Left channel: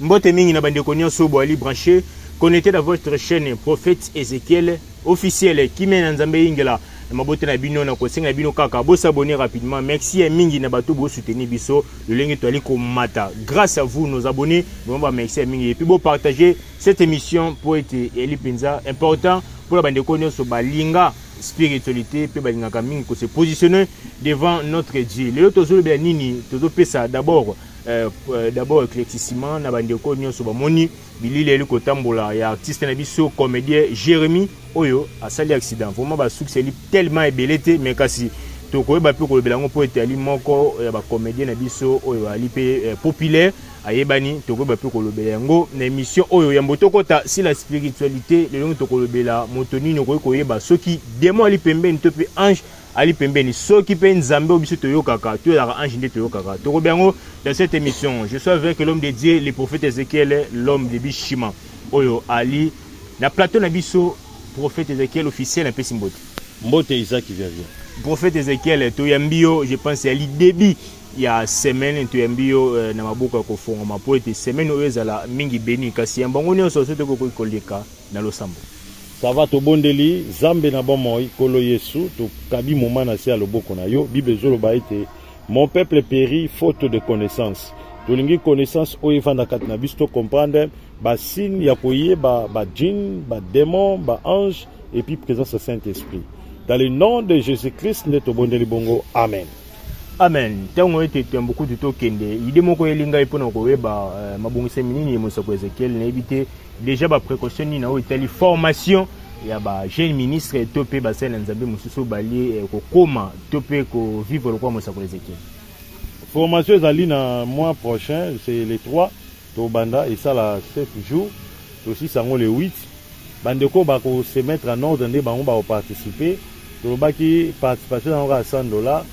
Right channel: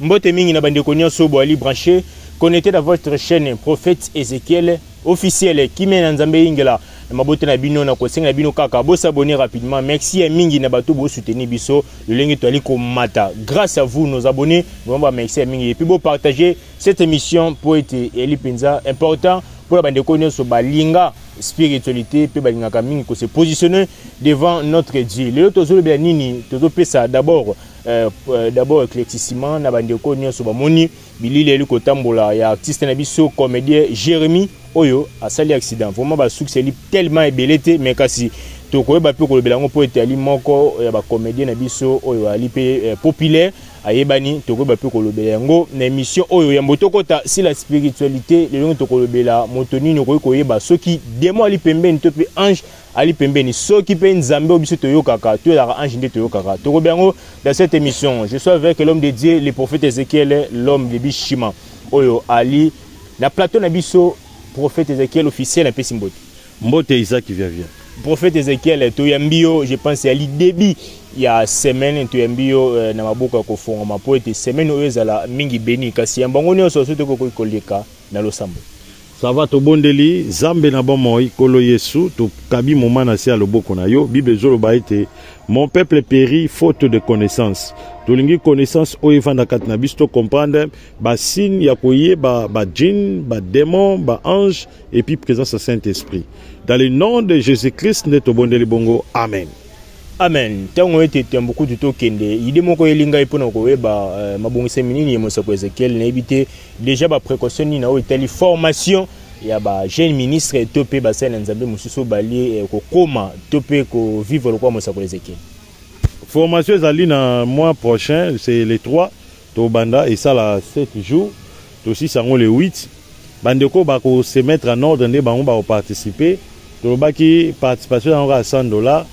Mbote mingi na bande konyo sobo ali branché. Connectez dans votre chaîne Prophète Ezekiel officiel qui mène Nzambe ingela. Mabote na bino na kosenga bino kaka bo s'abonner rapidement. Merci à mingi na bato bo soutenir biso le lenge to ali ko mata. Grâce à vous nos abonnés, nous va merci à mingi et puis bo partager cette émission pour être Eli Penza important pour la bande konyo so balinga spiritualité pe balinga ka mingi ko se positionner devant notre Dieu. Le tozo be nini tozo pesa d'abord éclaircissement na bande konyo so ba moni bilile li ko tambola ya artiste na biso comédien Jérémy oyo asali accident vraiment ba succès li tellement ébelité mais kasi to ko ba pe ko belango po etali moko ya ba comédien na biso oyo ali pe populaire ayebani to ko ba pe ko belango na émission oyo ya mbotokota si la spiritualité le to ko bela motonini ko yeba soki démon ali pembeni to pe ange ali pembeni soki pe nzambe obiso to yokaka to ya ange nde to yokaka to ko belango dans cette émission je suis avec l'homme de Dieu le prophète Ezekiel l'homme de Bishima oyo ali na plateau na biso prophète Ezekiel officiel un peu symbolique. Mbote Isaac qui vient. Prophète Ezekiel, Toyambio, je pense à l'idée il y a semaine Toyambio na maboka ko fonga mapoete semaine oyezala mingi beni kasi mbangoni so soto ko koleka na losambo. Ça va to bondeli zambe na bomoi kolo Yesu to kabi moment na sia loboko na yo Bible zolo ba ete mon peuple périt faute de connaissance. Tolingi connaissance oyevanda kat na bisto comprendre ba signe ya koye ba djinn, ba démon, ba ange et puis présence du Saint-Esprit. Dans le nom de Jésus-Christ neto bondeli bongo amen. Amen. Tango ete beaucoup de to kende ide moko elinga ipona ko weba mabongise minini yemosa ko Ezekiel na ebité déjà ba précaution ni na o etali formation ya ba jeune ministre topé ba sena nzambe mususu bali ko koma topé ko vivre le quoi mosa ko Ezekiel. Formation ezali na mois prochain, c'est les 3 to banda et ça la 7 jours. Aussi sango le 8. Bandeko ba ko se mettre en ordre ndé bango ba participer. To ba ki participation à $100.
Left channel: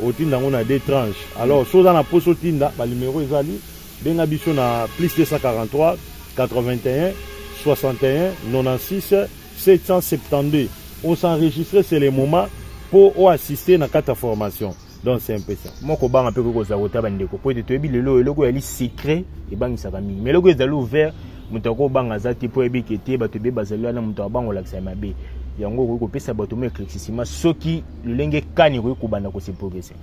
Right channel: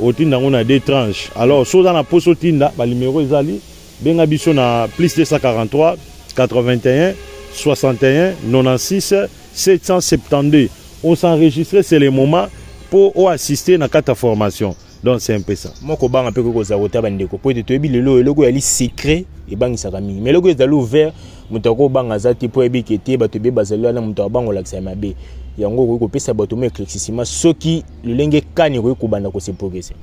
Au tinda on a 2 tranches. Alors so dans la poste au tinda ba numéro ezali benga biso na plus 243 81 61 96 772. On s'enregistrer c'est le moment pour assister na carte formation. Donc c'est un peu ça. Moi ko banga pe ko za kota bandeko po te toyebi lelo eloko ya li secret e bangisa kami. Mais loko ezali ouvert mutako banga za ti po ebi kete ba to be bazali na mutako bango lakisa mabe. Yango ko pesa bato me éclaircissement soki lolenge kani ko banda ko se progresser.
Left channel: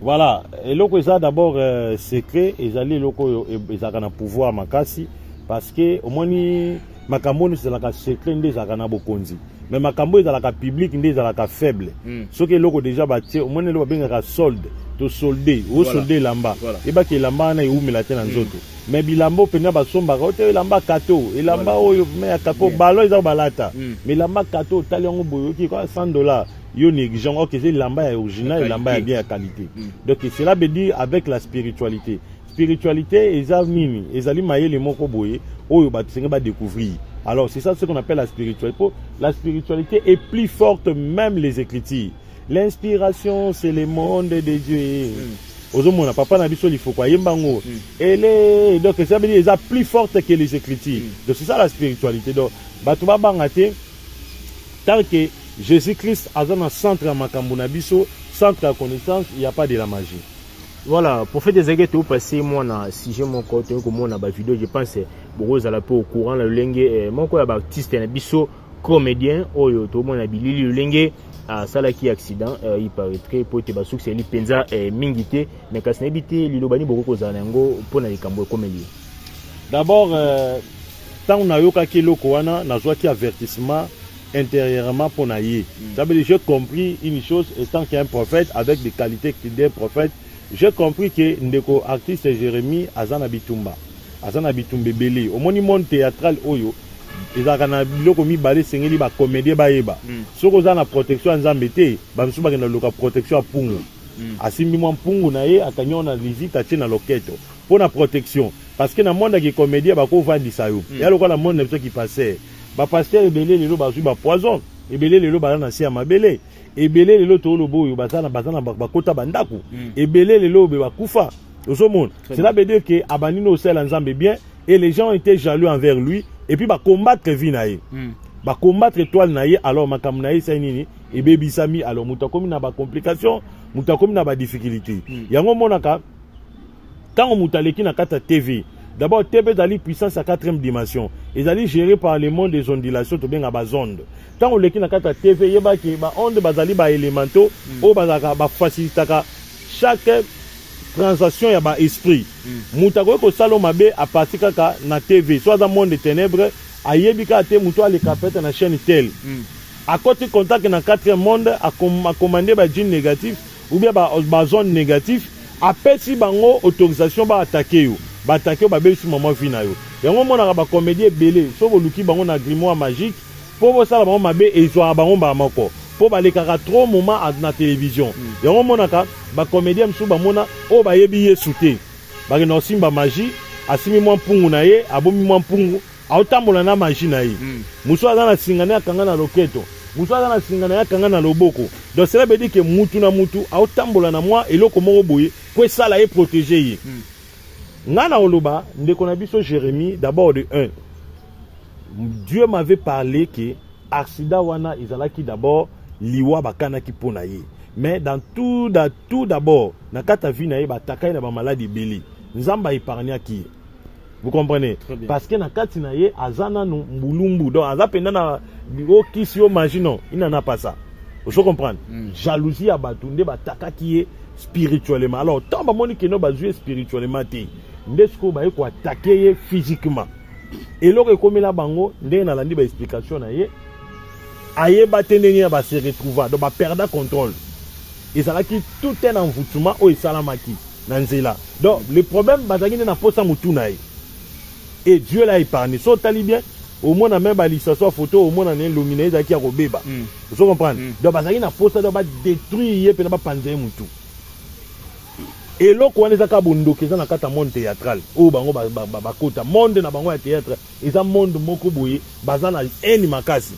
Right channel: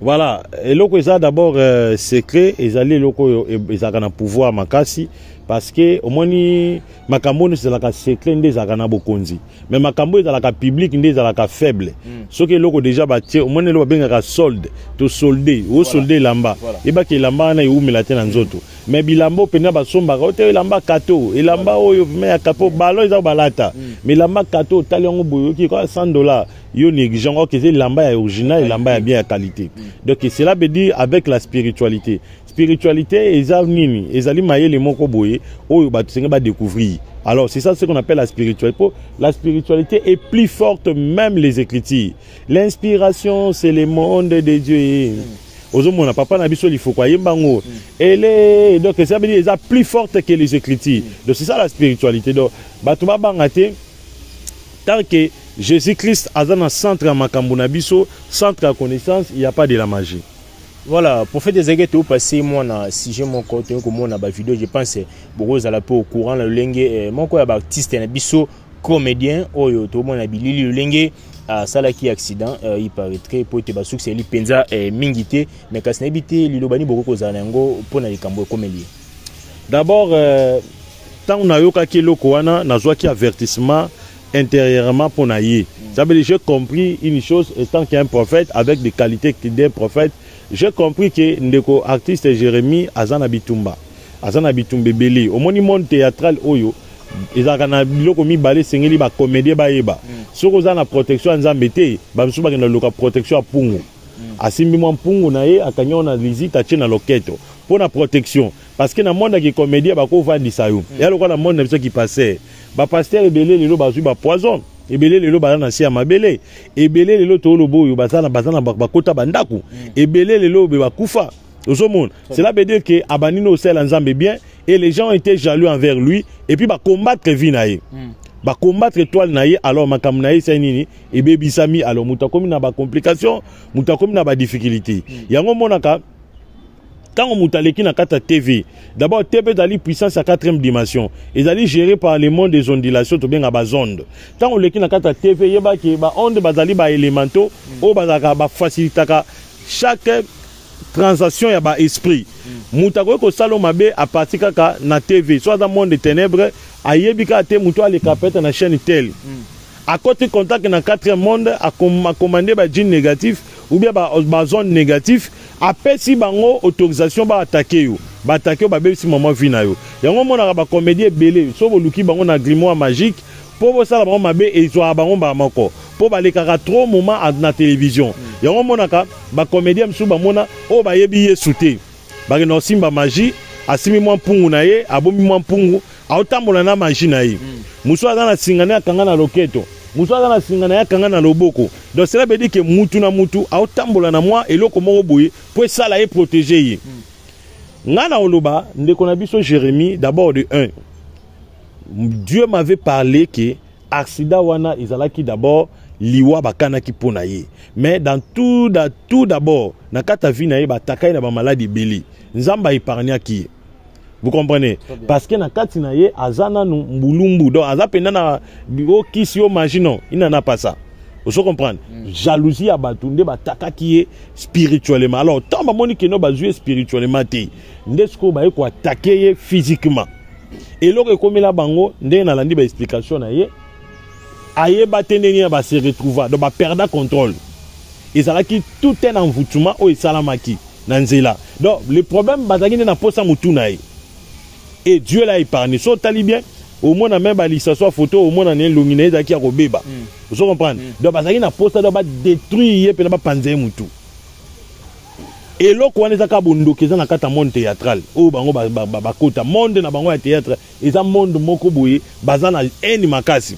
Voilà, eloko eza d'abord secret ezali eloko ezaka na pouvoir makasi parce que au moins makambo ne ezalaka secret nde ezalaka na bokonzi mais makambo ezalaka public nde ezalaka faible soki eloko déjà batie au moins eloko bengaka solde to solde o solde lamba ebaki lamba na eumela te na nzoto mais bilambo pena basombaka ote lamba kato elamba oyo me ya kapo balo eza balata mais lamba kato tali yango boyoki ko $100 yo négligent ok c'est lamba ya original lamba ya bien ya qualité donc cela veut dire avec la spiritualité ezali ezali mayele moko boye oyo ba tsenga ba découvrir. Alors c'est ça ce qu'on appelle la spiritualité. La spiritualité est plus forte même les écritures. L'inspiration c'est le monde de Dieu. Ozomona papa na biso il faut quoi yembango. Elle donc ça veut dire est plus forte que les écritures. Donc c'est ça la spiritualité. Donc bato ba bangate tant que Jésus-Christ a dans centre à makambo na biso, centre à connaissance, il n'y a pas de la magie. Voilà, pour faire des éguettes, vous passez moi na si j'ai mon côté comme moi na ba vidéo, je pense beaucoup à la peu au courant le lengue mon quoi ba artiste na biso comédien oyo to mon na bilili le lengue à salaki accident il paraîtrait pour te ba succès li penza mingité mais quand c'est habité li lobani beaucoup za nango pour na likambo comédien. D'abord tant on a yoka ki loko wana na zwa ki avertissement intérieurement pour naïe. Ça veut dire j'ai compris une chose étant qu'il y a un prophète avec des qualités d'un prophète. J'ai compris que ndeko artiste Jérémy azana bitumba belé au monde théâtral oyo ezaka na biloko mibale sengeli ba comédie ba yeba soko za na protection nzambe te ba musuba ke na loka protection pungu asimbi mwa pungu na ye akanyo na visite ache na loketo pour la protection parce que na monde qui comédie ba ko vandisa yo ya lokola na monde na qui passait ba pasteur belé lelo ba ba poison ebele lelo bana si ya mabele ebele lelo to lobo yo bazana bakota bandaku ebele lelo be bakufa ozomona cela veut dire que abanino osela nzambe bien et les gens étaient jaloux envers lui et puis ba combattre vie na ye ba combattre étoile na ye alors makam na ye c'est nini ebebisami alors mutakomi na ba complication mutakomi na ba difficulté yango monaka Quand on mutaleki na kata TV, d'abord TV est puissance à 4e dimension. Ils allaient géré par les mondes des ondulations, tout bien à bas onde. Quand on leki na kata TV, il y a des ondes bazali ba élémentaux, ou bazaka ba facilitaka chaque transaction ya ba esprit. Mutako ko salo mabe a partir kaka na TV, soit dans le monde des ténèbres, ayebika te muto ale kapeta na chaîne telle. À côté contact na 4e monde a commandé ba djinn négatif ou bien ba zone négatif. Après si bango autorisation ba attaquer yo ba bel si maman vina yo yango mona ba comédie belé so boluki bango na grimoire magique pour ça bango mabe et zo bango ba moko pour ba lekaka trop moment na télévision yango mona ka ba comédie msu ba mona o ba yebi yesuté ba no simba magie asimi mwa mpungu na ye abomi mwa mpungu autambola na magie na ye muso azana singana kanga na loketo muso azana singana ya kanga na loboko donc cela veut dire que mutu na mutu autambola na moi eloko moko boye pour ça là est protégé ye ngana oloba ndeko na biso Jérémie d'abord de 1 Dieu m'avait parlé que accident wana izalaki d'abord liwa bakana ki pona ye mais dans tout d'abord na kata vi na ye batakai na ba maladie beli nzamba épargna ki. Vous comprenez? Parce que na kati na ye azana mbulumbu donc azapenda na bio kisio magino il n'en a pas ça. Vous comprenez? Jalousie à batunde bataka qui est spirituellement. Alors tant ba moni que no ba jouer spirituellement té. Ndesko ba ko attaquer physiquement. Et loko comme la bango ndé na landi ba explication na ye. Aye batendeni ba se retrouver donc ba perdre contrôle. Ils a qui tout un envoûtement au salamaki na nzela. Donc le problème bazaki na posa mutuna ye. Et Dieu l'a épargné. So talibien, au moins on a même balissé sa photo, au moins on a un luminé qui a robéba. Vous comprenez? Donc bazaki na posta doit détruire pe na ba panze mutu. Et là ko wana zaka bondo keza na kata monde théâtral. O bango ba kota monde na bango ya théâtre, eza monde moko boye bazana eni makasi.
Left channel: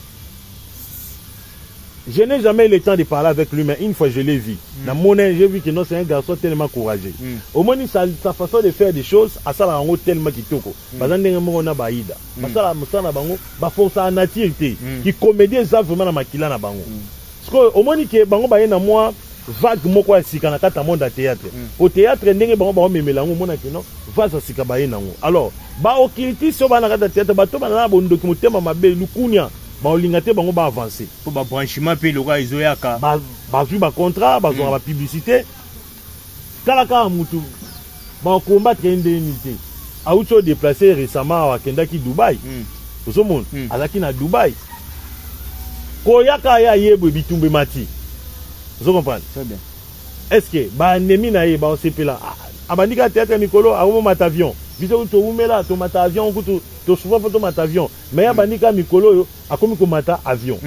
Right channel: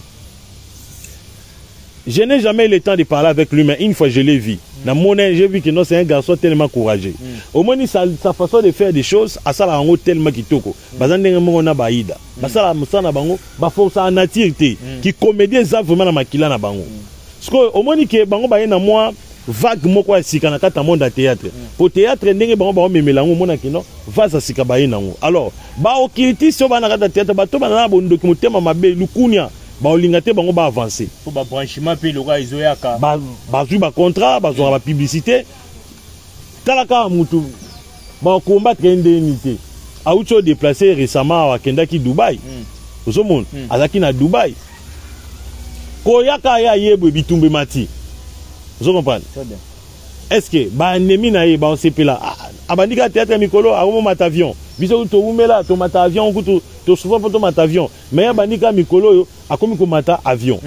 Je n'ai jamais eu le temps de parler avec lui, mais une fois je l'ai vu. Dans mon âge, j'ai vu que c'est un garçon tellement courageux. Au moins, sa façon de faire des choses, à ça, on tellement kitoko. Bazan on a baïda. Basala musana bango, ba force en nature qui comédie ça vraiment na makila na bango. Parce que au moins que bango baï na moi vague moko ya sika na kata monde à théâtre. Pour théâtre ndenge bango memelango mona kino, va sa sika baï na ngo. Alors, ba okiti so ba na kata théâtre ba to ba na bondo ki mutema mabe lukunya. Ba olingate bango ba avancer pour ba branchement pe loka izoyaka ba ju ba contrat ba zo ba publicité talaka mutu ba combattre indemnité a ucho déplacé récemment à Kendaki Dubaï zo monde azaki na Dubaï ko yaka ya yebo bitumbe mati zo comprendre très bien est-ce que ba ennemi na ye ba on sepela abandika théâtre mikolo a mo matavion biso to umela to matavion kutu to souvent pour to matavion mais abandika mikolo yo akomi ko mata avion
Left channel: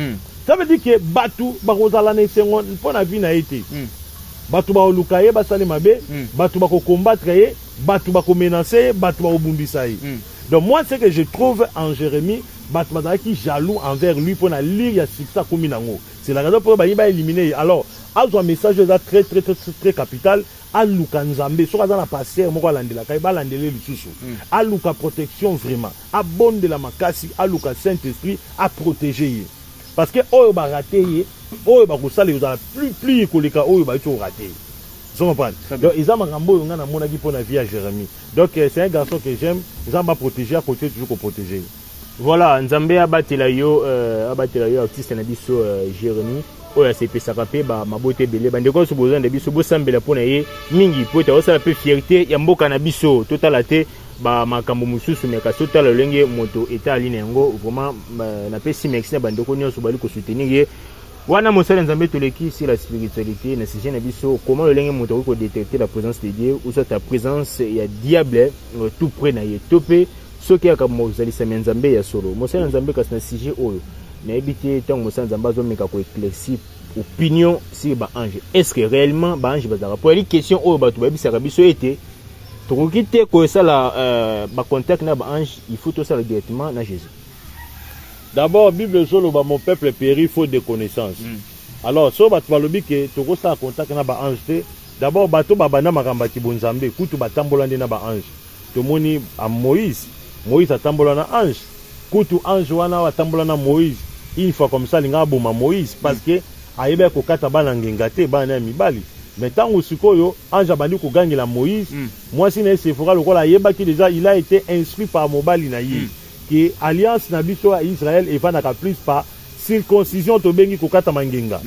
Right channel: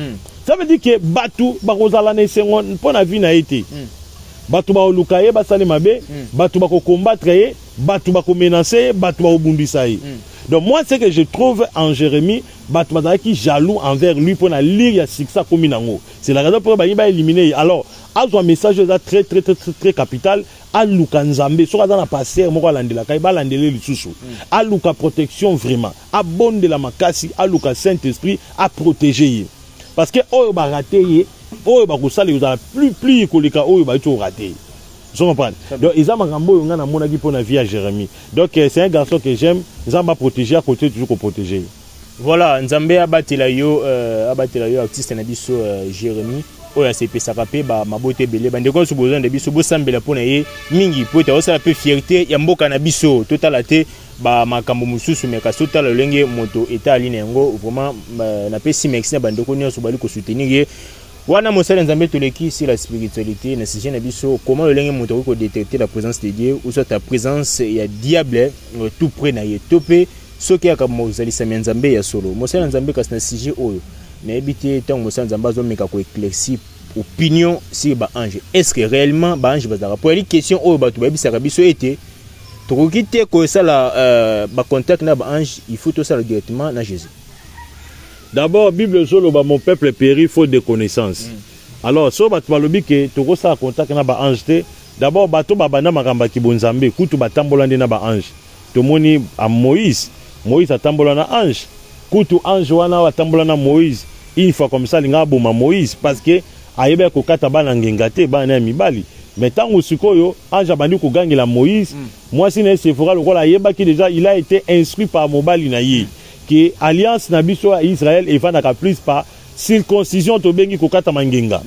ça veut dire que batu ba kozala na sengo pour na vie na été batu ba oluka ye ba sale mabe batu ba ko combattre ye batu ba ko menacer batu ba obundisa ye donc moi c'est que je trouve en Jérémie batu ba qui jaloux envers lui pour na lire ya siksa komi nango c'est la raison pour ba éliminer alors un message très capital aluka nzambe soka za na passer moko landela kai ba landele lisusu aluka protection vraiment abonde la makasi aluka Saint-Esprit a protéger parce que oyo ba raté ye oyo ba kusala yo za plus koleka oyo ba to raté. Je comprends. Donc ils ont makambo nga na mona gi pona vie à Jérémie. Donc c'est un garçon que j'aime, nzamba protéger à côté toujours protéger. Voilà, nzambe abatela yo artiste na biso Jérémie. Oya sepesaka pe ba mabote belé bandeko so besoin de biso bo sambela pona ye mingi po ta osala pe fierté ya mboka na biso totala te ba makambo mususu meka totala lenge moto eta ali nango vraiment na pe si merci na bandeko nyonso bali ko soutenir ye wana mosala nzambe toleki sur la spiritualité na sujet na biso comment le lenge moto ko détecter la présence de Dieu ou soit ta présence ya diable tout près na ye topé soki aka mozali sa nzambe ya solo mosala nzambe kasi na sujet oyo na ebité tant mosala nzambe azomeka ko éclaircir opinion sur ba ange est-ce que réellement ba ange bazara pour les questions oyo ba to ba bisaka biso été to kokite ko sala ba contact na ba ange il faut tout ça directement na Jésus. D'abord Bible solo ba mon peuple périt faute de connaissance. Alors so ba to balobi ke to ko sala contact na ba ange te d'abord ba to ba bana makamba ki bonzambe kutu batambola na ba ange to moni a Moïse atambola na ange kutu ange wana atambola na Moïse une fois comme ça linga boma Moïse parce que ayebe ko kata bana ngengate bana mibali mais tant au sikoyo ange abandi ko gangela Moïse moi si na Sephora lokola yeba ki déjà il a été instruit par mobali na ye que alliance na biso à Israël et va na plus par circoncision to bengi ko kata mangenga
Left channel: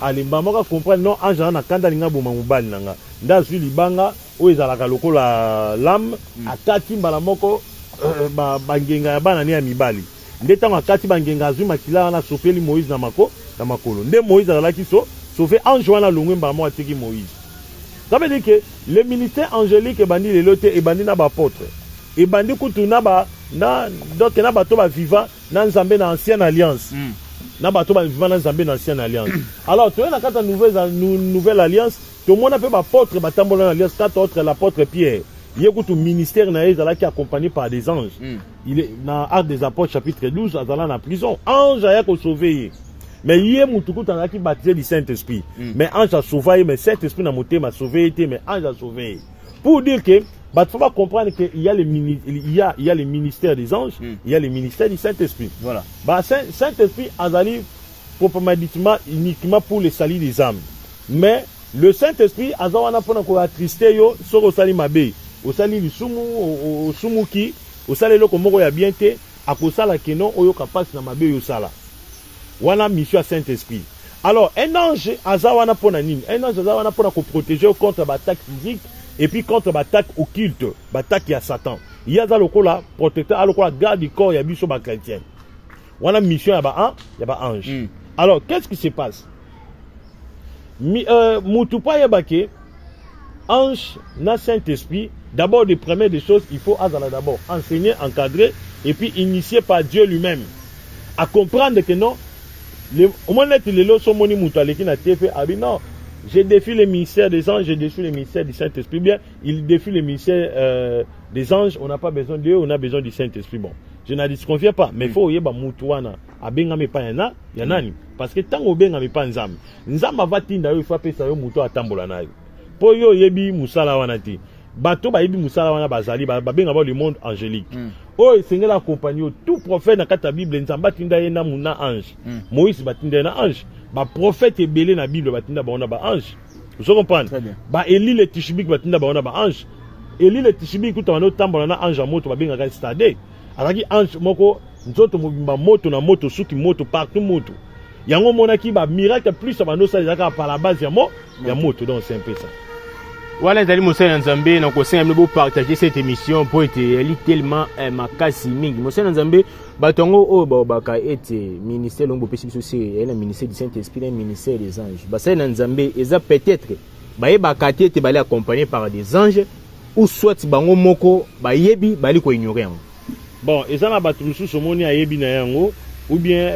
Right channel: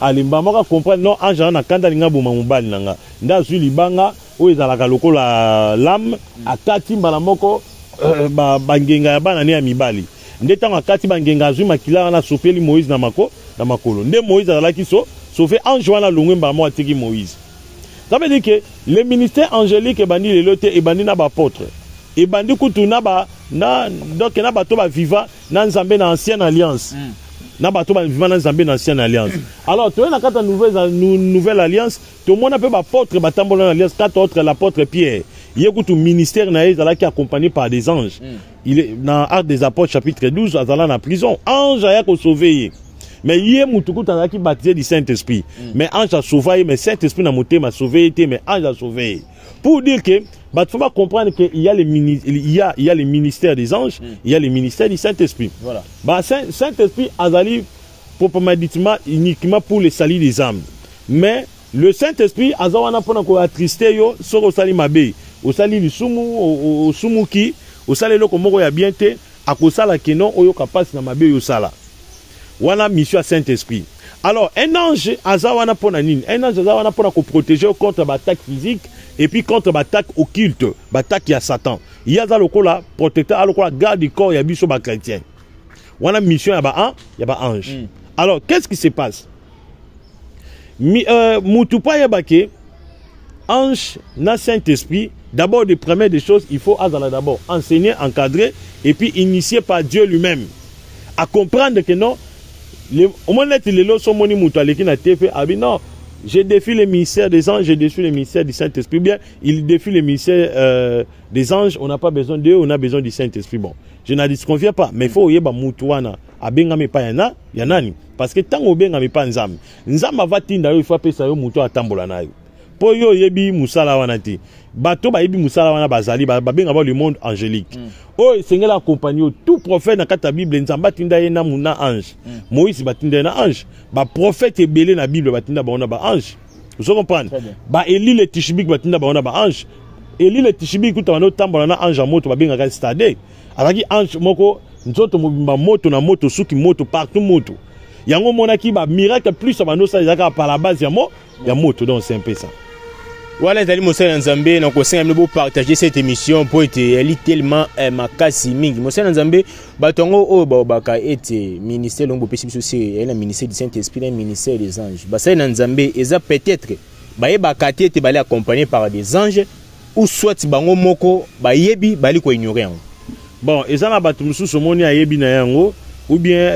alimba moka comprendre non ange na kanda linga boma mobali nanga nda su libanga o ezalaka lokola lam akati mbala moko bangenga ya bana ne ya mibali nde tango akati bangenga azwi makila na sopeli Moïse na makolo nde Moïse azalaki sauvé ange wana longwe mbala moko atiki Moïse. Ça veut dire que le ministère angélique ebandi lelo te ebandi na bapôtre ebandi kutu donc na bato ba vivant na nzambe na ancienne alliance na bato ba vivant na nzambe na ancienne alliance. Alors tu es na kata nouvelle alliance tout le monde a peu bapôtre batambola na alliance quatre autres l'apôtre Pierre il y a tout ministère na ezala qui accompagné par des anges. Il est dans Actes des Apôtres chapitre 12 azala na prison ange a ko sauver mais il y a mutuku tanaki baptisé du Saint-Esprit mais ange a sauvé mais Saint-Esprit na moté m'a sauvé mais ange a sauvé pour dire que il faut pas comprendre qu'il y a le ministère des anges il y a le ministère du Saint-Esprit. Voilà. Saint-Esprit azali proprement ditement uniquement pour le salut des âmes mais le Saint-Esprit azawana pona ko attrister yo soko sali mabe au sali lisumu au sumuki au sali loko moko ya bien te akosala kenon oyo kapasi na mabe yo sala wana mission à Saint-Esprit. Alors un ange azawana pona nini un ange azawana pona ko protéger contre l'attaque physique et puis contre l'attaque occulte l'attaque ya Satan il y a za lokola protecteur lokola garde du corps ya biso ba chrétien wana mission ya ba ange. Alors qu'est-ce qui se passe Mutupa yabake ange na Saint-Esprit d'abord de première des choses il faut d'abord enseigner encadrer et puis initier par Dieu lui-même à comprendre que non au moins les leçons moni mutaleki na tefe abi non je défie le ministère des anges je défie le ministère du Saint-Esprit bien il défie le ministère des anges on n'a pas besoin d'eux on a besoin du Saint-Esprit bon je n'en disconviens pas mais il faut yeba mutuana abengami pa yana yanani parce que tant obengami pa nzambe va tinda yo il faut pesa yo mutu atambola na yo po yo yebi musala wana ti bato ba yebi musala wana bazali babenga ba le monde angélique o sengela accompagner tout prophète na kata Bible nzamba tinda ye na muna ange Moïse batinda na ange ba prophète ebele na Bible batinda ba ona ba ange vous comprenez ba Eli le Tishbik batinda ba ona ba ange Eli le Tishbik kutana tambola na ange moto babenga ka stade alaki ange moko nzoto mobimba moto na moto suki moto partout moto yango monaki ba miracle plus ba no sa yaka par la base ya moto donc c'est un peu ça. Voilà Zali Moussa Nzambe na ko senga mbo partager cette émission pour être elle tellement makasi mingi Moussa Nzambe batongo o baka ete ministère longo pesi biso c'est le ministère du Saint-Esprit le ministère des anges basa Nzambe eza peut-être baye bakati ete bali accompagné par des anges ou soit bango moko bayebi bali ko ignorer. Bon ezana batu mususu moni ayebi na yango ou bien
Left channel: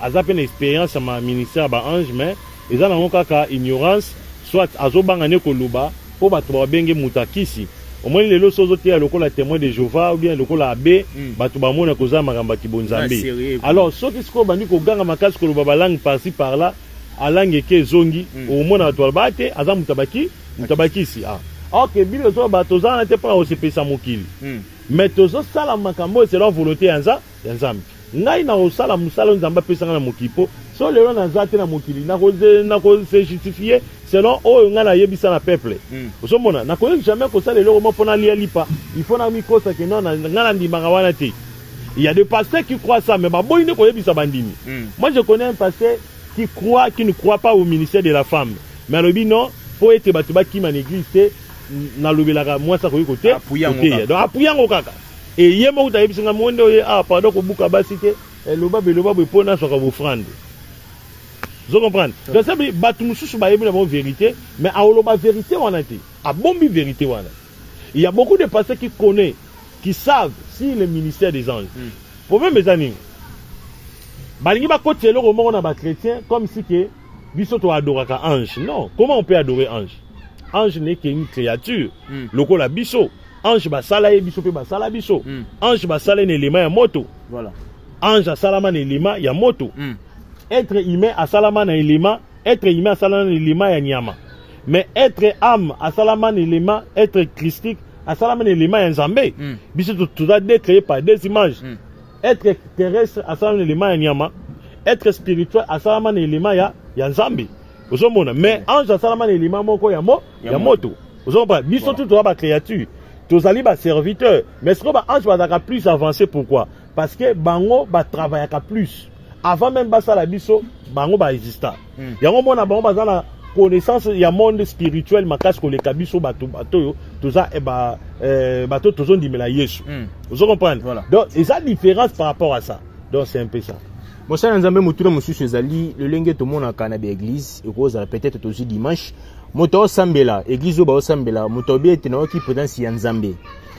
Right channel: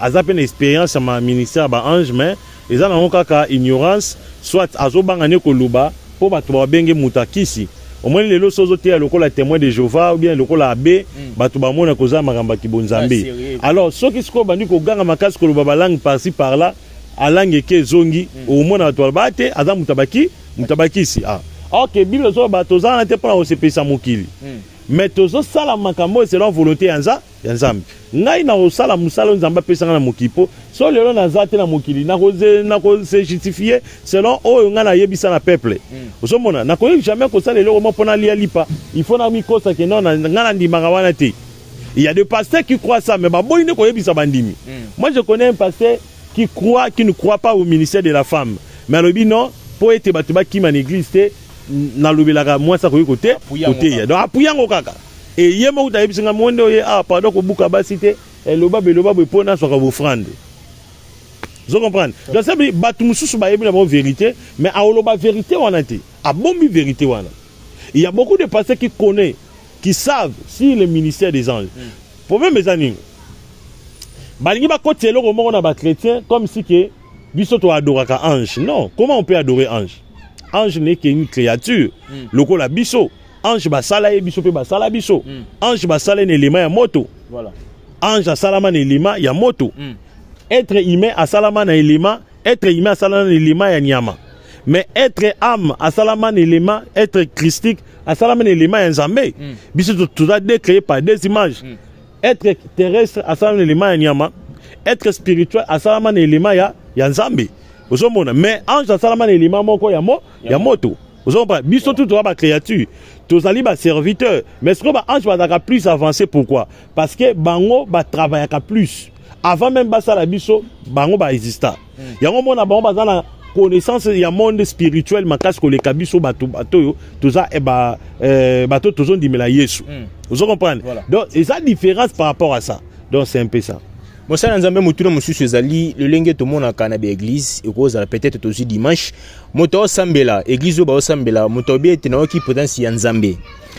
azape une expérience ma ministère ba ange mais ezana ngo kaka ignorance soit azobangane koluba po bato babenge mutakisi au moins lelo sozo te lokola témoin de Jéhovah ou bien lokola abbé bato bamona koza makamba kibonzambe alors ceux qui sont bandi ko ganga makasi koluba balangue par-ci par-là a langue ke zongi au mona bato bate aza mutabakisi OK Bible zo bato za na te pa o se pesa mokili mais tozo sala makambo selon volonté ya nzambe ngai na osala musala nzambe pesa na mokipo so lelo na zate na mokili na ko se justifier selon oyo nga na yebisa na peuple osomona na ko jamais ko sala lelo mo pona lia lipa il faut na mi kosa ke non nga na ndimanga wana te il y a des pasteurs qui croient ça mais baboyi ne ko yebisa bandimi moi je connais un pasteur qui ne croit pas au ministère de la femme mais lobi non pour être batuba ki man église te na lobelaka moi ça ko côté donc apuyango kaka et yemo utayebisinga monde oye pardon ko buka basité le babe pona soka offrande vous comprenez donc ça batu mususu ba yebi na bon vérité mais aoloba vérité wana te a bombi vérité wana il y a beaucoup de pasteurs qui connaissent qui savent si le ministère des anges problème mes amis balingi ba côté loko moko na ba chrétien comme si que biso to adoraka ange non comment on peut adorer ange ange n'est qu'une créature loko la biso ange basala ye biso pe basala biso ange basala ne élément ya moto voilà ange asalama na élément ya moto être humain asalama na élément être humain asalama na élément ya nyama mais être âme asalama na élément être christique asalama na élément ya nzambe biso tout ça créé par des images être terrestre asalama na élément ya nyama être spirituel asalama na élément ya nzambe ozomona mais ange asalama na élément moko ya moto ozomona biso tout toza ba créature tozali ba serviteur mais ce que ba ange bazaka plus avancé pourquoi parce que bango ba travaillaka plus avant même basala biso bango ba exista yango mona bango bazana connaissance ya monde spirituel makasi koleka biso bato yo toza bato tozondimela Yesu vous comprenez donc et ça différence par rapport à ça donc c'est un peu ça bon ça nzambe mutuna mususu ezali le lenge to mona kana be église ekozala peut-être aussi dimanche moto osambela église o ba osambela moto biete na oki présence ya nzambe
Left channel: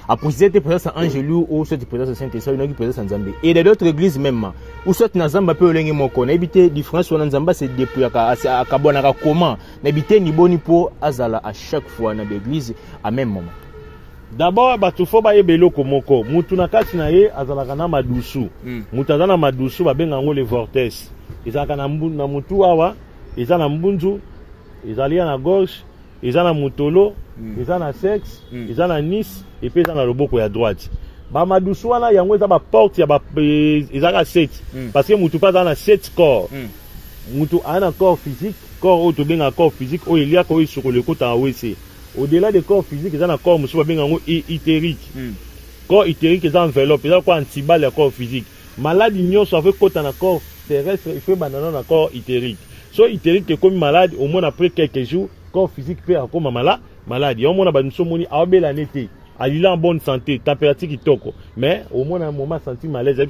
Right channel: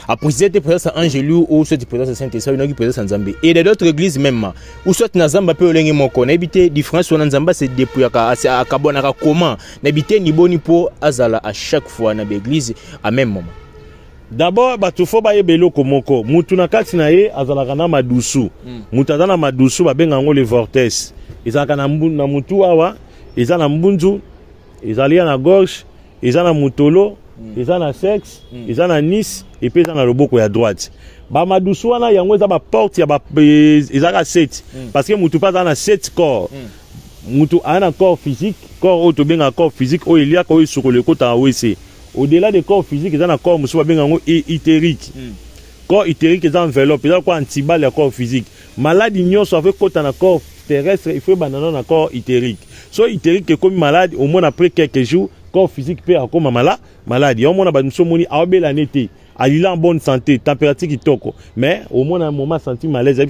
après cette présence angelu ou cette présence Saint-Esprit na oki présence nzambe et d'autres églises même ou soit na nzamba pe olenge moko na ebité différence na nzamba c'est depuis akabona ka comment na ebité ni boni po azala à chaque fois na église à même moment. D'abord bato fo ba yebelo komoko mutu na kati na ye azalaka na madusu mutu azana madusu babenga ngo le vortex ezalaka na mutu awa eza na mbunzu ezali na gorge eza na mutolo eza na sexe eza na nis et puis eza na loboko ya droite ba madusu wana yango eza ba porte ya ba ezaka 7 parce que mutu pas na 7 corps mutu ana corps physique corps auto benga corps physique o elia ko isukole ko ta wese au-delà des corps physiques, ils ont un corps itérique. Corps itérique, ils ont enveloppe, ils ont un antibal le corps physique. Malade, ils ont fait un corps terrestre, il faut un corps itérique. So itérique est comme malade, au moins après quelques jours, corps physique peut comme malade. Au moins, nous sommes en bonne santé, température qui toque. Mais au moins, à un moment, senti malaise.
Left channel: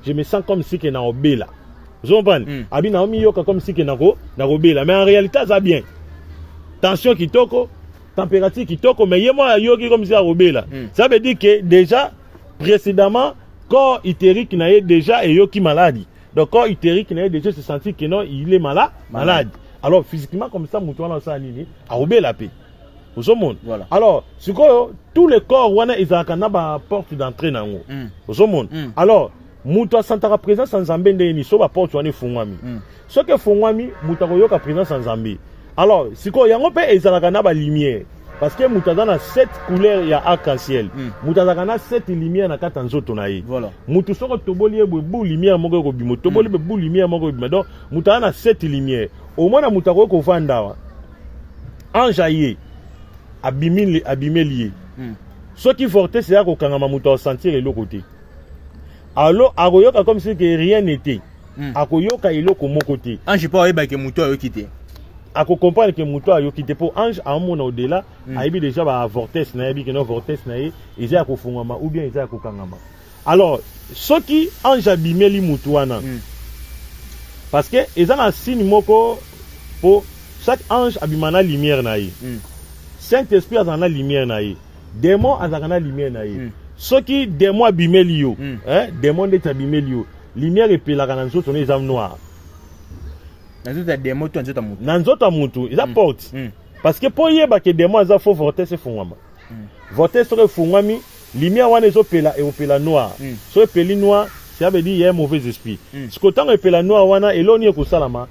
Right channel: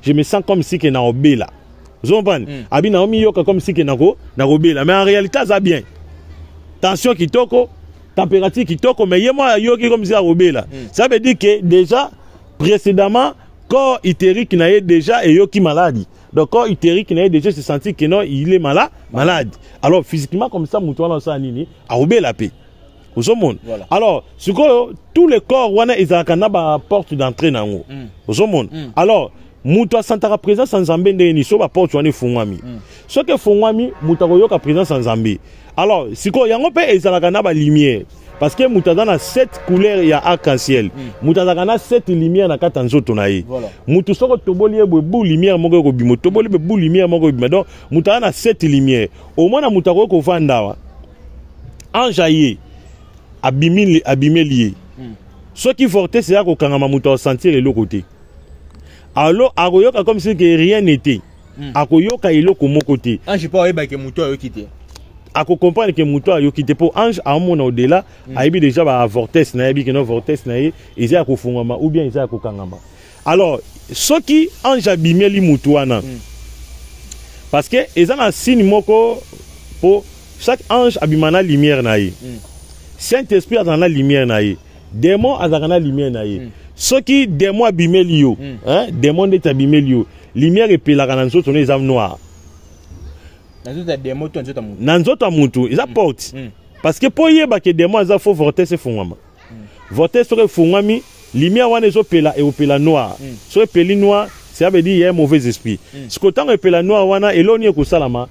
Je me sens comme si que na obé là. Vous comprenez? Abi na omi yoka comme si que na obé là. Mais en réalité, ça bien. Tension qui toque. Température qui toque, mais moi yoki comme ça robé là. Ça veut dire que déjà précédemment corps itérique n'a déjà et yoki maladie. Donc corps itérique n'a déjà se sentir que non il est malade. Alors physiquement comme ça mutuana ça nini a robé la paix. Au monde. Voilà. Alors ce que tous les corps wana ezakana ba porte d'entrée na ngo. Au monde. Alors mutu santaka présence en Nzambe ndeni so ba porte wana fungwami. Ce que fungwami mutu koyoka présence en Nzambe. Alors, si on y a une lumière, parce que nous avons 7 couleurs arc-en-ciel, nous avons 7 lumières dans 4 ans. Voilà. Nous avons lumière, donc nous avons 7 lumières. Au moins, nous avons enjaillé, abîmé lié. Ce qui forte, c'est que nous avons sentir de l'autre côté. Alors, comme si rien n'était. Akoyoka iloko mon côté. Ange pas que muto a quitté. À comprendre que muto a quitté pour ange à mon au-delà, a eu déjà ba vortex na yebi que non vortex na ye, ils a ko fungama ou bien ils a ko kangama. Alors, ce qui ange abimé li muto wana. Parce que ils ont un signe moko pour chaque ange abimana lumière na ye. Saint-Esprit a dans la lumière na ye. Démon a dans la lumière na ye. Ce qui démon abimé li yo, hein, démon est abimé li yo. Lumière et puis la cananzo sont les âmes noires. Nanzoto amutu, ils apportent. Parce que pour y que des mois, ils font vortex et fungama. Vortex et fungami, lumière wane zo pela et opela noir. So peli noir, ça veut dire il y a un mauvais esprit. Ce que tant opela noir wana eloni ko salama.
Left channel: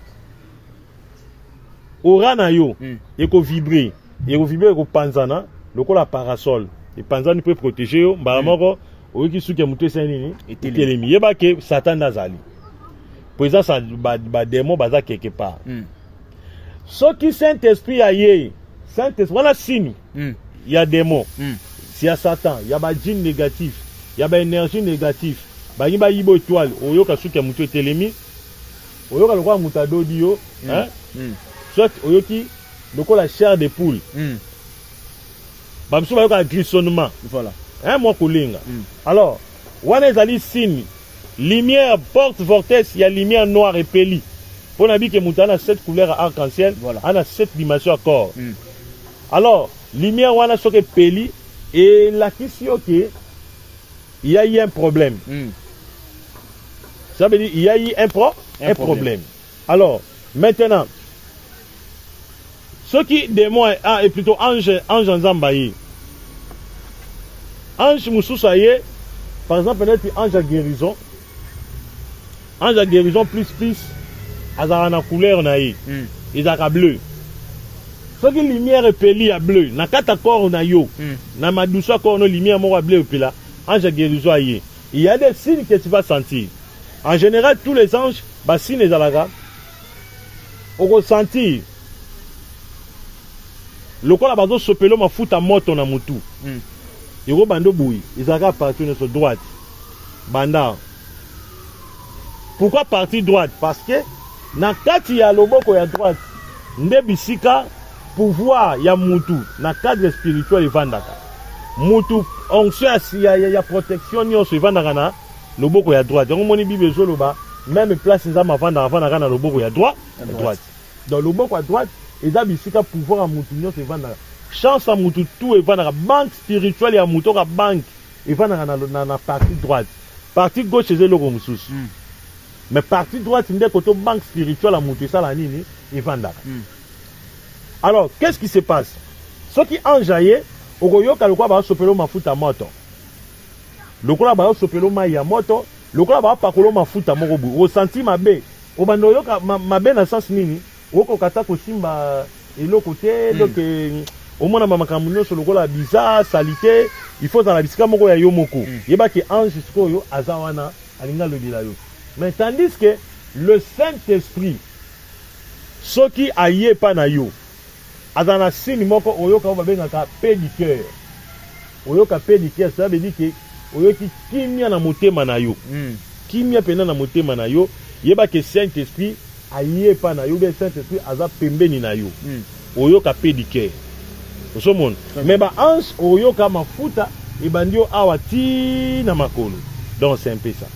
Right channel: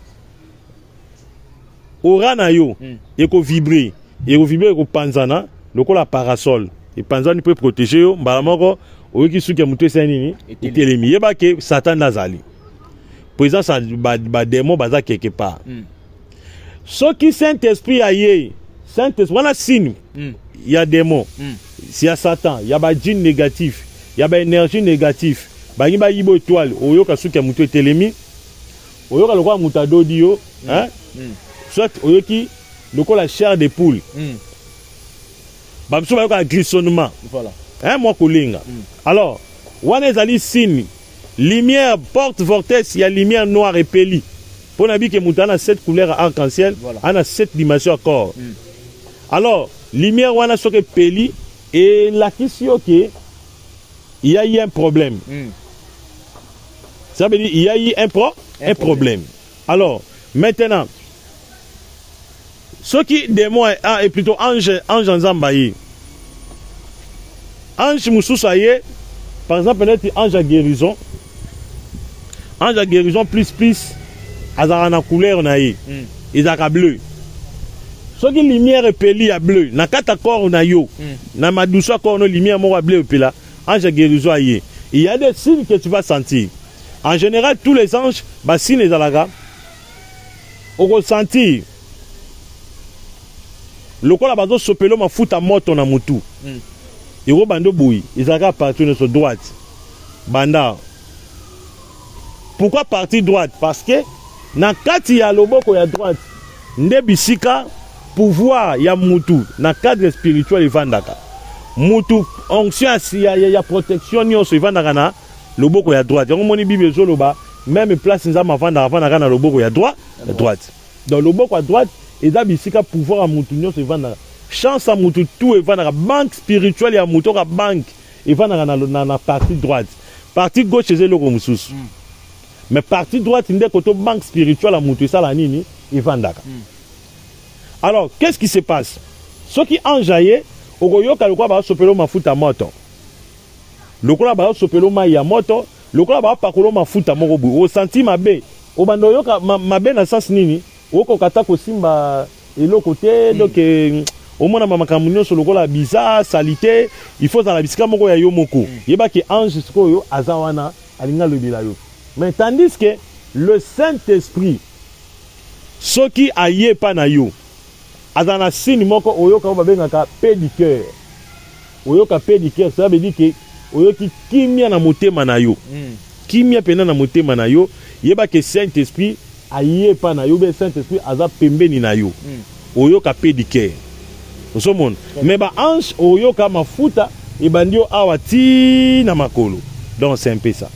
Ora na yo, et ko vibrer, ko panzana, loko la parasol. Et panzana peut protéger yo, mbalamoko, oki suki mutu senini, itelemi yeba ke Satan nazali. Présence ba démon baza quelque part. Ce qui Saint-Esprit a yé, Saint-Esprit, on a signe. Il y a démon. S'il y a Satan, il y a ba djinn négatif, il y a ba énergie négative. Ba yiba yibo étoile, oyoka suki mutu telemi. Oyoka lokwa mutado dio, hein? Soit oyoki lokwa la chair de poule. Ba biso ba yoka glissonnement. Voilà. Hein moi kolinga. Alors, wana ezali signe. Lumière, porte, vortex, il y a lumière noire et peli. Pour nous dire que nous avons 7 couleurs arc-en-ciel, on a 7 dimensions encore. Alors, lumière, on a ce que peli, et la question que il y a eu un problème. Ça veut dire qu'il y a eu un problème. Alors, maintenant, ce qui démon est plutôt ange en Zambaye. Ange Moussousaye, par exemple, ange à guérison. Ange à guérison plus azarana couleur naïe. Ils ont bleu. Ce qui lumière est peli à bleu. Na kata corps na yo. Na ma douceur corps no lumière mo bleu pela. Ange à guérison aïe. Il y a des signes que tu vas sentir. En général tous les anges ba signes les alaga. On ressentir lokola bazo sopelo mafuta moto na mutu iro bando boui ezaka partir sur droite banda. Pourquoi partie droite? Parce que na kati ya loboko ya droite nde bisika pouvoir ya mutu na cadre spirituel evandaka mutu onction ya protection nyonso evandaka na loboko ya droite. Yango moni Bible ezoloba même place nzama avandaka na loboko ya droite. Donc loboko ya droite eza bisika pouvoir ya mutu nyonso evandaka. Chance à mutu tout evandaka. Banque spirituelle ya mutu ka banque evandaka na partie droite. Partie gauche eza loko mususu. Mais partie droite nde koto banque spirituelle à mutu sala nini evandaka. Alors qu'est-ce qui se passe? Ceux qui enjaillé okoyoka lokwa ba sopelo mafuta moto. Lokola ba sopelo mai ya moto, lokola ba pakolo mafuta moko bu. O senti mabe. O bando yoka mabe na sens nini? Oko kata ko simba eloko te donc au moins na makambo nyonso lokola bizarre, salité, il faut dans la bisika moko ya yo moko. Yeba ki ange sikoyo azawana alinga lobela yo. Mais tandis que le Saint-Esprit ce qui aye pa na yo azana sini moko oyoka babengaka paix du cœur. Oyoka paix du cœur, ça veut dire que oyoki kimia na motema na yo. Kimia pena na motema na yo, yeba que Saint-Esprit aye pa na yo, be Saint-Esprit aza pembeni na yo. Oyoka paix du cœur. Osomon. Mais ba ange oyoka mafuta e bandio awati na makolo. Donc c'est un peu ça.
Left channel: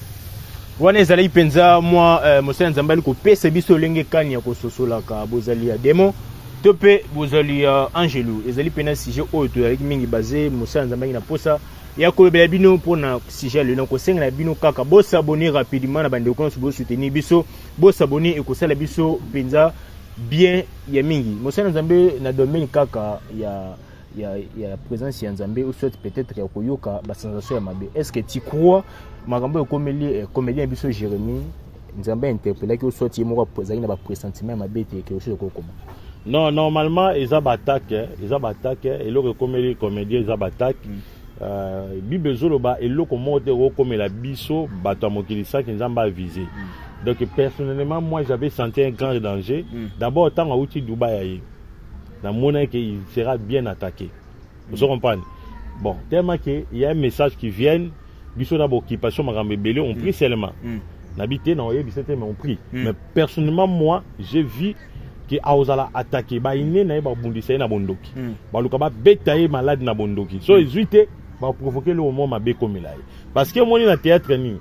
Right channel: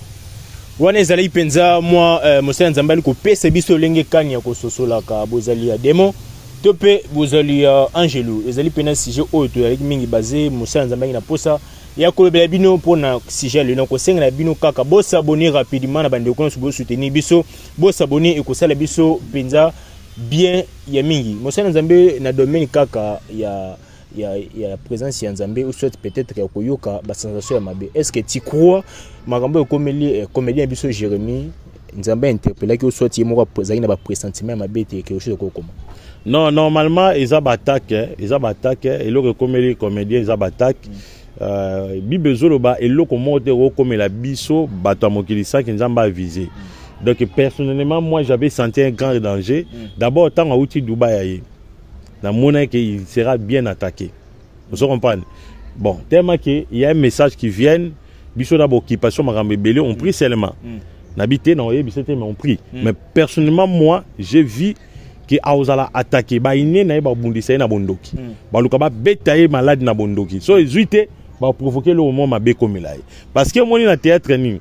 Wana ezali penza moi Mosala Nzambali ko pesa biso lenge kani ya ko sosola ka bozali ya démon. Topé bozali ya angelu ezali pena sujet oyo to yaki mingi basé Mosala Nzambali na posa ya ko bela bino pona sujet le ko senga na bino kaka bo s'abonner rapidement na bande ko bo soutenir biso bo s'abonner e ko sala biso penza bien ya mingi Mosala Nzambe na domaine kaka ya présence ya Nzambe ou soit peut-être ya koyoka ba sensation ya mabe. Est-ce que tu crois makambo komeli comédien biso Jérémie Nzambe interpellé que soit yemo zali na ba pressentiment ya mabe te quelque chose ko comment? Non, normalement, ils attaquent, et le comédien, ils attaquent. Bible Zoloba, et le commandeur comme la biso, batamokilisa qui nous a visé. Donc, personnellement, moi, j'avais senti un grand danger. D'abord, tant à outil Dubaï, dans mon qu'il sera bien attaqué. Vous comprenez? Bon, tellement qu'il y a un message qui vient, biso d'abord occupation, on prie seulement. N'habiter, non, on prie. Mais personnellement, moi, j'ai vu qui a attaqué ba iné na ba bundisa na bondoki ba lukaba betaye malade na bondoki so ezuite ba provoquer le moment mabe comme là parce que moni na théâtre ni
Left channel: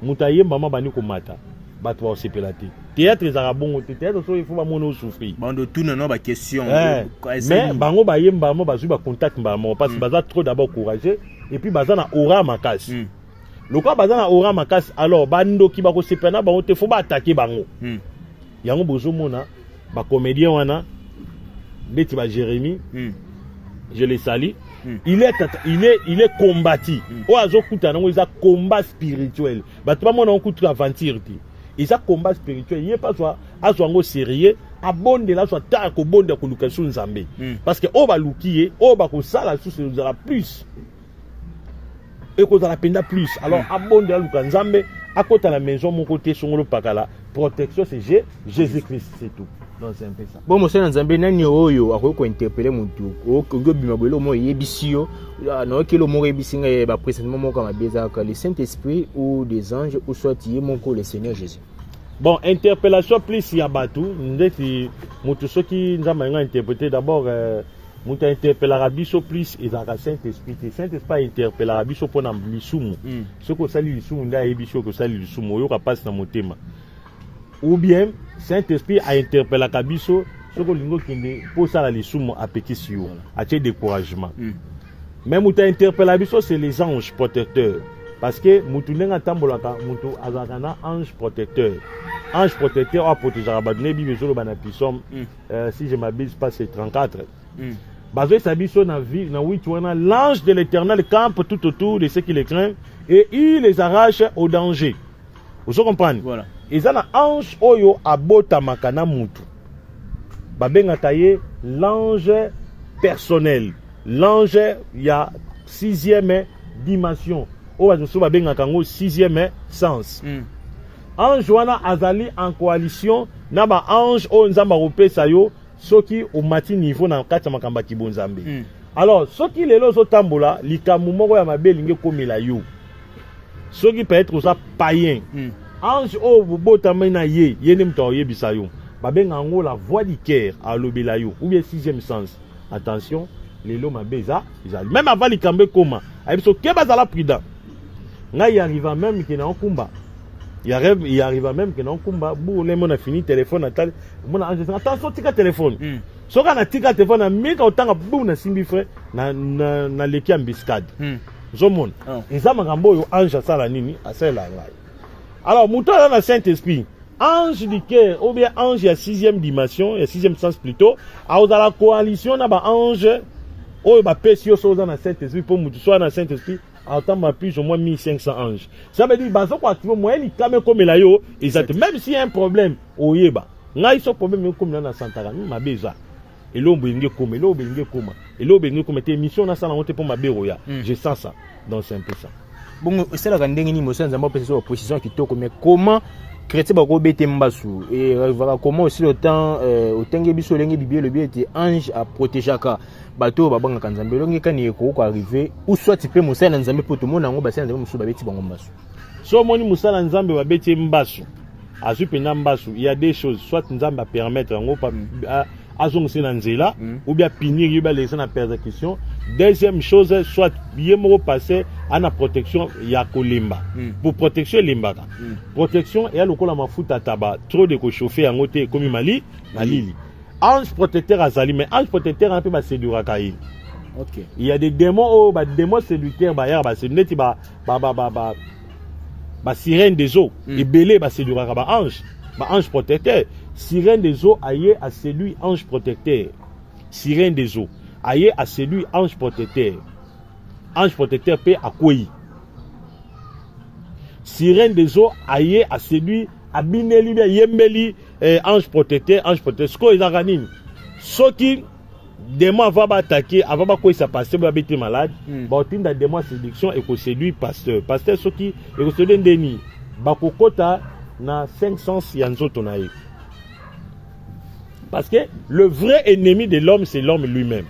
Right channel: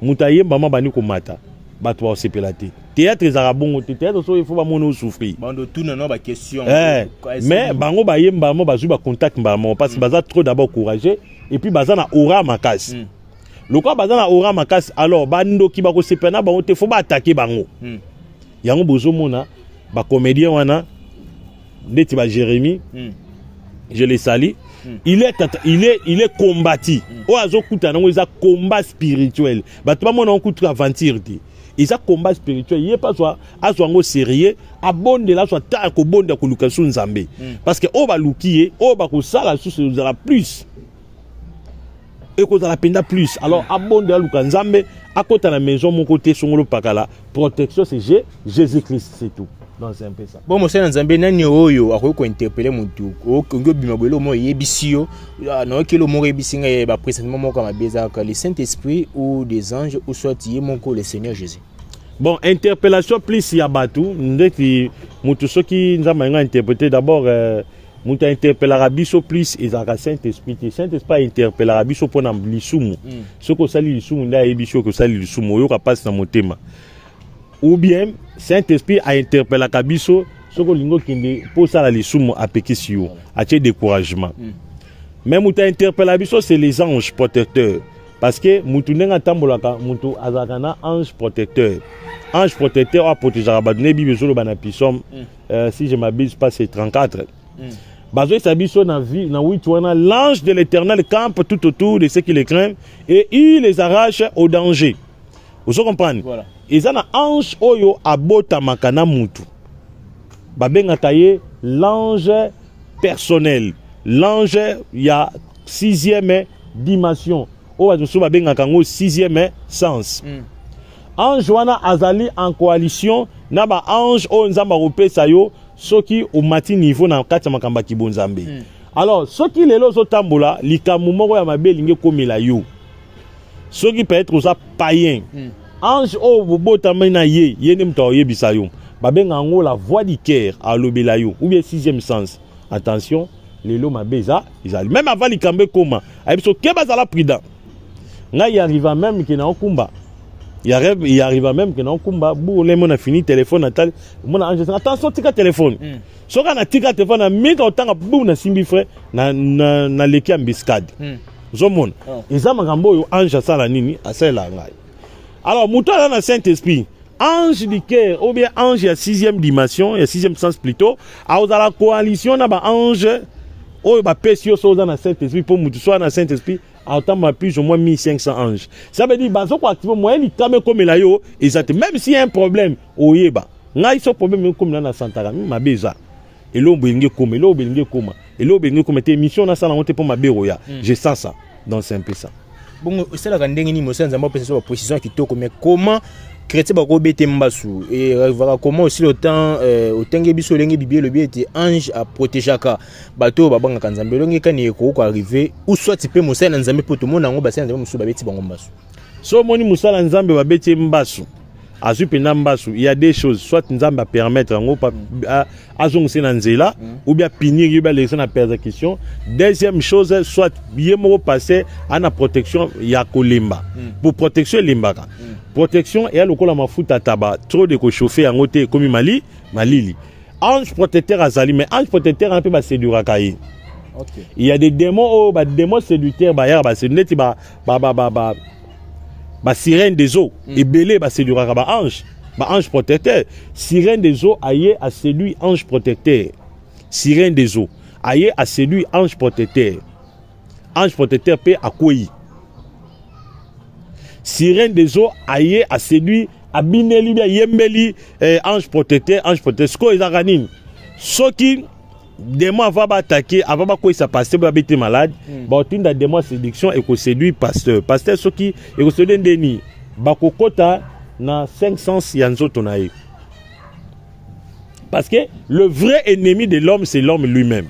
mutaye mama bani ko mata ba to sepelate théâtre za bongo théâtre so il faut ba mono souffrir bando tout non ba question mais bango ba yemba mo ba zu ba contact ba mo parce que baza trop d'abord courageux et puis baza na aura makasi lokwa baza na aura makasi alors bandoki ba ko sepena ba te faut ba attaquer bango yango bozo mona ba comédien wana ndeti ba Jérémie je le salue il est combattu o azokuta nango eza combat spirituel bato ba mona okutu aventure ti eza combat spirituel il est pas soit azwango sérieux abonde la soit ta ko bonde ko luka su Nzambe parce que o ba lukié o ba ko sala su la plus et ko la penda plus alors abonde la luka Nzambe à côté de la maison mon côté songolo pakala protection c'est Jésus-Christ c'est tout. C'est un peu ça. Bon, Mosala Nzambe nani oyo akoki interpeller mutu ongo bima bolo mo yebisio na kilo mo yebisinga ba présentement mo kama beza ka le Saint-Esprit ou des anges ou soit yemoko le Seigneur Jésus. Bon, interpellation plus ya batu ndeti mutu soki Nzamba nga interpréter d'abord mutu interpellera biso plus ezaka Saint-Esprit. Saint-Esprit interpellera biso pona lisumu. Soko sali lisumu nda yebisio ko sali lisumu yo ka passe na motema. Ou bien Saint-Esprit a interpellé Kabiso, ce que l'ingo kinde pour ça la lisumu a pékisio, a tiré découragement. Même où tu interpellé Kabiso, c'est les anges protecteurs, parce que mutu nenga tambolaka mutu azakana ange protecteur. Ange protecteur a protégé Rabadne Bible sur le banapisom. Si je m'abuse pas c'est 34. Bazo sabiso na vie na witwana l'ange de l'Éternel campe tout autour de ceux qui les craignent et il les arrache au danger. Vous comprenez? Voilà. Ils ont un ange oyo abota makana mutu. Babengaka ye l'ange personnel. L'ange il y a 6e dimension. Oyo so babengaka ngo 6e sens. Ange wana azali en coalition na ba ange o nzamba kopesa yo soki au mati niveau na kati makamba kibonzambe. Alors soki lelo zo tambola likamu moko ya mabe linge komela yo. Soki peut être ça païen. Ange o bobota mena ye ne mto yebisa yo. Babenga ngo la voix du cœur à lobela yo ou bien sixième sens. Attention, lelo mabeza izali. Même avant likambe koma, abiso keba za la prudent. Nga y arriva même que na okumba. Il arrive même que na okumba bu le mona fini téléphone natal. Mona ange attention tika téléphone. Soka na tika téléphone na meka otanga bu na simbi frère na leki ambiscade. Zomon. Eza makambo yo ange asala nini asala ngai. Alors muto na Saint-Esprit. Ange du cœur, ou bien ange à sixième dimension, et sixième sens plutôt, à la coalition, na ba ange, ou ba pesio so dans la Saint-Esprit, pour nous soit dans Saint-Esprit, à autant ma plus au moins 1500 anges. Ça veut dire, bah, so quoi activer, moi, il quand même comme la yo, même s'il y a un problème, au yeba, n'a il problème comme dans la Santara, ma beza. Et l'eau bengue comme, et l'eau bengue comme, et l'eau bengue comme, tes missions na sala monter pour ma béroya. Je sens ça, donc c'est un peu ça. Bon, c'est la grande ni motion, nous avons pensé sur position qui tôt, mais comment chrétien ba ko bete mbasu et voilà comment aussi le temps au tenge biso lenge bibie le bien était ange à protéger ka bato ba banga kanzambe longe kani ko arriver ou soit tu peux musala nzambe pour tout monde ngo basana nzambe musu ba beti bango mbasu so moni musala nzambe ba beti mbasu azupe na mbasu il y a des choses soit nzambe a permettre ngo pa azongse na nzela ou bien punir ou bien laisser na persécution. Deuxième chose soit yemo passer à la protection ya kolemba pour protection limbaka protection et le kola mafuta taba trop de ko chauffer en côté comme malili ange protecteur azali mais ange protecteur un peu ba séduira kai. OK, il y a des démons démons séducteurs ba ya ba c'est net ba sirène des eaux et belé ba séduira ba ange. Ange protecteur, sirène des eaux aïe a séduit ange protecteur. Sirène des eaux aïe a séduit ange protecteur. Ange protecteur paix à quoi? Sirène des eaux aïe a séduit abineli yembeli ange protecteur sko ezaganin. Soki démon va attaquer avant quoi ça passer va être malade. Ba tinda démon séduction et ko séduit pasteur soki et ko séduit ndeni bakokota na 500 yanzo tonaï. Parce que le vrai ennemi de l'homme c'est l'homme lui-même.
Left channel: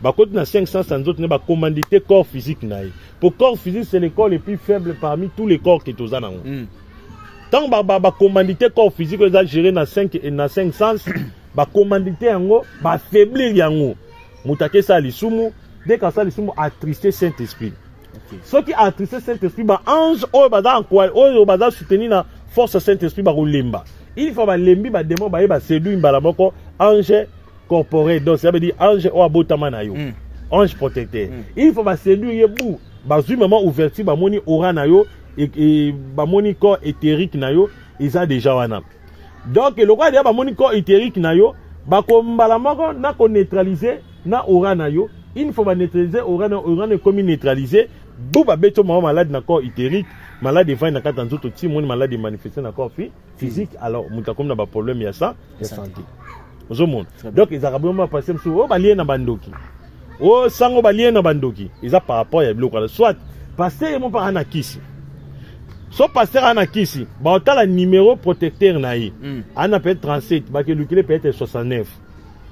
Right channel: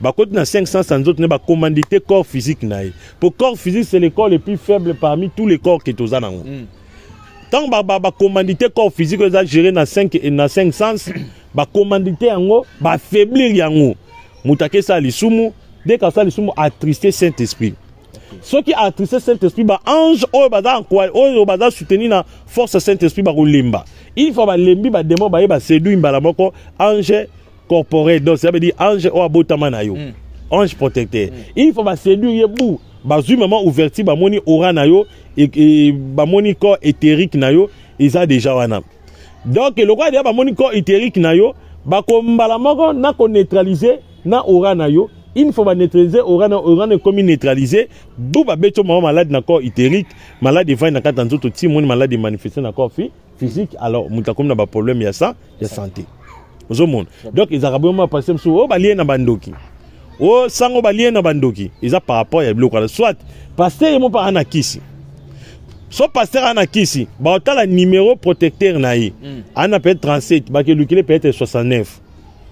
Bah quand na 500 sans autres ne ba commanditer corps physique naï. Pour corps physique c'est le corps le plus faible parmi tous les corps qui sont là. Tant ba commanditer corps physique ça gérer na 500 ba commanditer yango ba faiblir yango. Mutake sa lisumu dès que ça lisumu attristé Saint-Esprit. Ce qui a attristé Saint-Esprit, ange, bada soutenir la force Saint-Esprit, limba. Il faut que lembi, démon, séduire, ange corporel. Donc, ça veut dire ange, abotamanayo. Ange protecteur. Il faut que séduire, bazu maman ouverti, moni aura nayo, et moni corps éthérique nayo, ils ont déjà wana. Donc, le roi de moni corps éthérique nayo, bakombalamoko, na ko neutraliser, na aura nayo. Il faut neutraliser, on comme neutraliser. Bouba beto maman malade na corps éthérique, malade de na kata nzoto ti mon malade de manifester na corps physique. Alors mutakom na ba problème ya ça, ya santé. Ozo monde. Donc ils arabement passer sur o balien na bandoki. O sango balien na bandoki. Ils a par rapport ya bloc soit pasteur yemo pa anakisi. So pasteur anakisi, ba otala numéro protecteur na yi. Ana peut être 37, ba ke lukile peut être 69.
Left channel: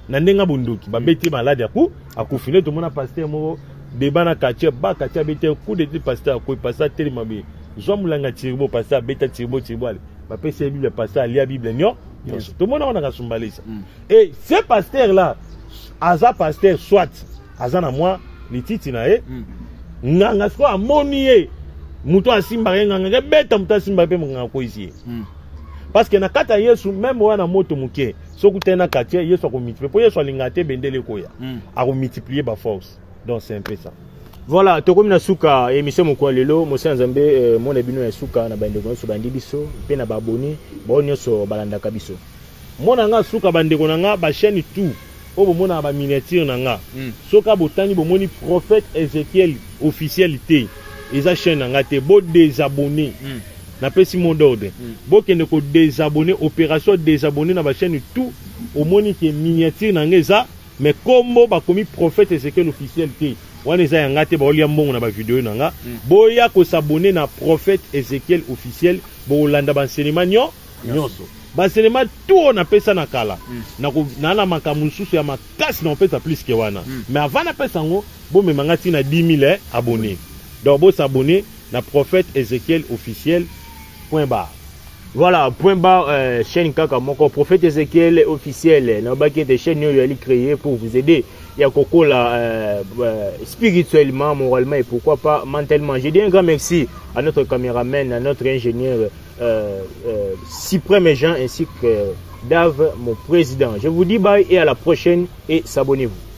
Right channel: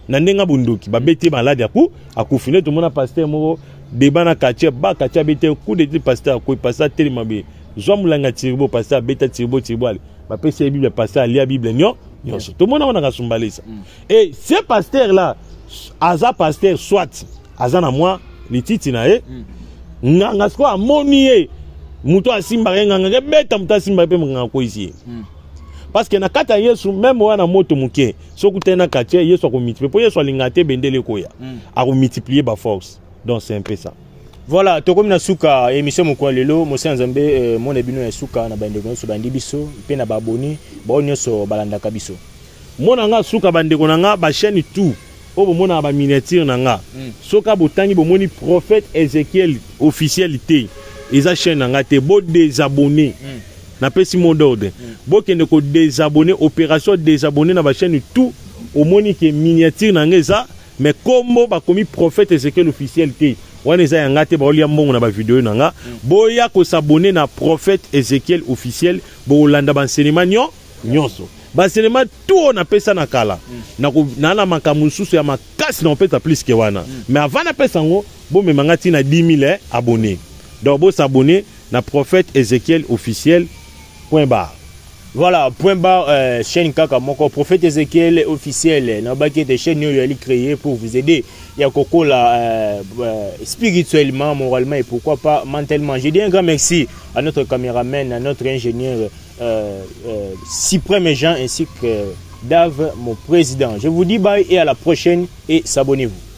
Nandenga bunduki ba beti malade akufine tout monde pasteur mo débat na quartier ba quartier beti coup de pasteur ko pasteur tellement be jomulanga tirbo pasteur beta tirbo ale ba pese bible pasteur lia bible nyo tout monde on a kasumbalé ça. Et ce pasteur là aza pasteur soit aza na moi les titi na e nganga sko amonié muto asimba nganga beta muto asimba pe nganga ko ici. Parce que na kata yesu même wana moto muke soku tena quartier yesu ko multiplier pour yesu lingate bendele koya a ko multiplier ba force. Donc c'est un peu ça. Voilà, to comme na suka émission moko lelo mo sanzambe mon ebino ya suka na bandeko so bandi biso pe na baboni ba onyoso balanda kabiso. Mona nga suka bandeko nga ba chaîne tout o bo mona ba miniature nga. Soka botangi bo moni prophète Ézéchiel officialité. Eza chaîne nga te bo désabonner. Na pesi mon d'ordre. Bokende ko désabonner opération désabonner na ba chaîne tout au moni que miniature na ngeza mais comme ba komi prophète Ézéchiel officialité. Wana eza yanga te ba olia mbongo na ba vidéo na nga. Boya ko s'abonner na prophète Ézéchiel officiel bo landa ba enseignement nyonso. baselema tout on appelle ça na kala na na makambo susu ya makasi na opesa plus que wana mais avant na pesa ngo bo me mangati na 10 000 abonnés donc bo s'abonner na prophète Ézéchiel officiel .bar. Voilà, point barre, chaîne Kaka Moko, prophète Ézéchiel officiel, n'a pas été chaîne créée pour vous aider. Il y a Coco là, spirituellement, moralement et pourquoi pas mentalement. Je dis un grand merci à notre caméraman, à notre ingénieur Cyprien Méjean ainsi que Dave, mon président. Je vous dis bye et à la prochaine et s'abonnez-vous.